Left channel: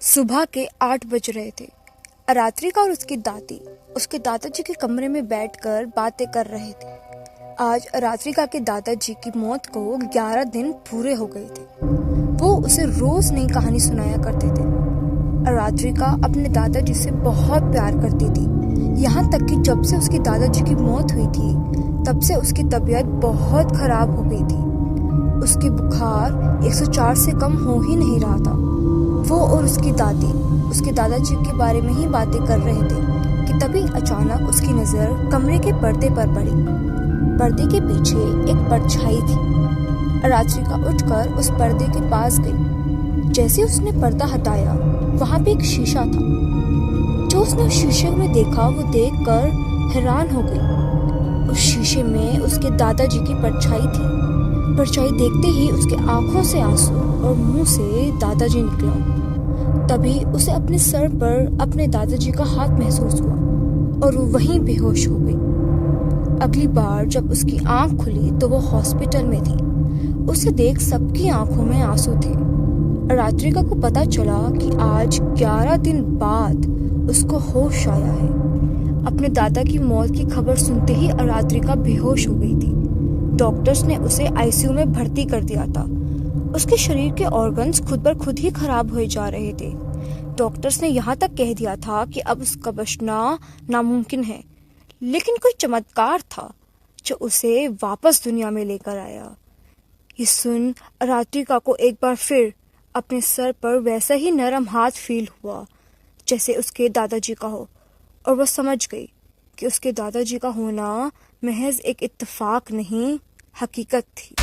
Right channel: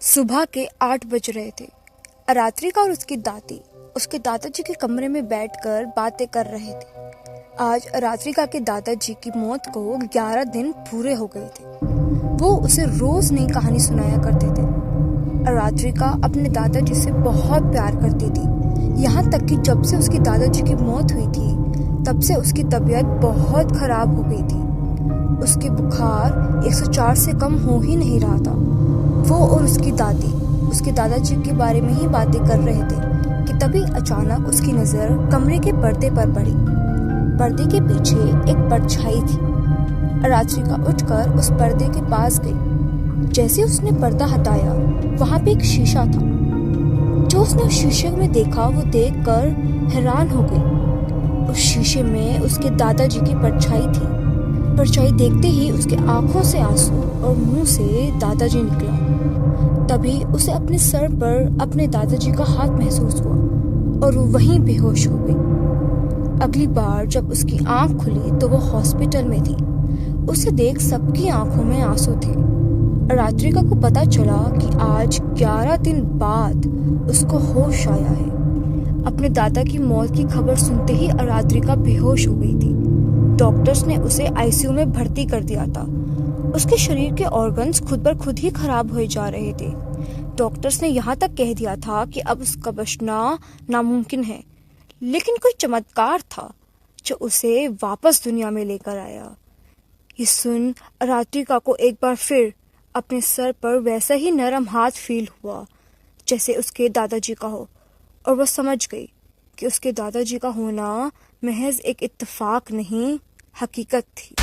सुबह के 8 बज रहे थे। रात्रिका और उसकी दादी उसके दादाजी के कमरे में बैठकर बातें कर रहे थे। आज रात्रिका के दादाजी की मौत को 11 दिन पूरे हो गए थे। वो उसे रोज नई कहानी सुनाया करते थे। रात्रिका अपने दादाजी से बहुत प्यार करती थी, यहाँ तक कि जब से उसके दादाजी की मौत हुई थी तब से उसकी तबीयत बहुत खराब हो गई थी। उसकी बुखार 104 से कम हो ही नहीं रहा था। वो और उसकी दादी उसके दादाजी के बारे में ही बातें कर रहे थे कि तभी अचानक उसकी नजर कमरे के पर्दे पर पड़ी। पर्दे के पीछे एक परछाई थी। रात्रिका उठकर उस पर्दे के पास गई। जैसे उसने पर्दा हटाया, वहां पे एक शीशा था। जो उसने उस शीशे में देखा वो देखकर हैरान हो गई। उस शीशे में उसके दादाजी की परछाई थी। परछाई देखते ही उसके आंखों से आंसू और मुंह से दादाजी निकला। तभी उसे अपने सर पर अपने दादाजी का हाथ महसूस हुआ और वो वहीं बेहोश हो गई। अगली बार जब उसकी आंख खुली तो वो हॉस्पिटल में थी। उसे देख सबकी आंखों में आंसू थे। रात्रिका को पता चला कि आज 11 दिन बाद उसको होश आया है। अपने दादा की मौत की खबर सुनते ही रात्रिका बेहोश हो गई थी। डॉक्टर्स ने उसे आईसीयू में भर्ती कर दिया था। उसके शरीर के ऑर्गन्स खुद पर खुद ही खराब हुए जा रहे थे। डॉक्टर्स ने यहाँ तक कह दिया था कि अब उसका बचना नामुमकिन है। लेकिन कोई चमत्कार था जो उसे वापस दुनिया में लेकर आया। ये सुन रात्रिका को एक बार फिर अपने सर पर वैसा ही नरम हाथ फील हुआ जैसे उसके दादाजी का हो, और वह समझ गई कि उसके दादाजी का होना महज एक इत्तेफाक नहीं, हकीकत थी।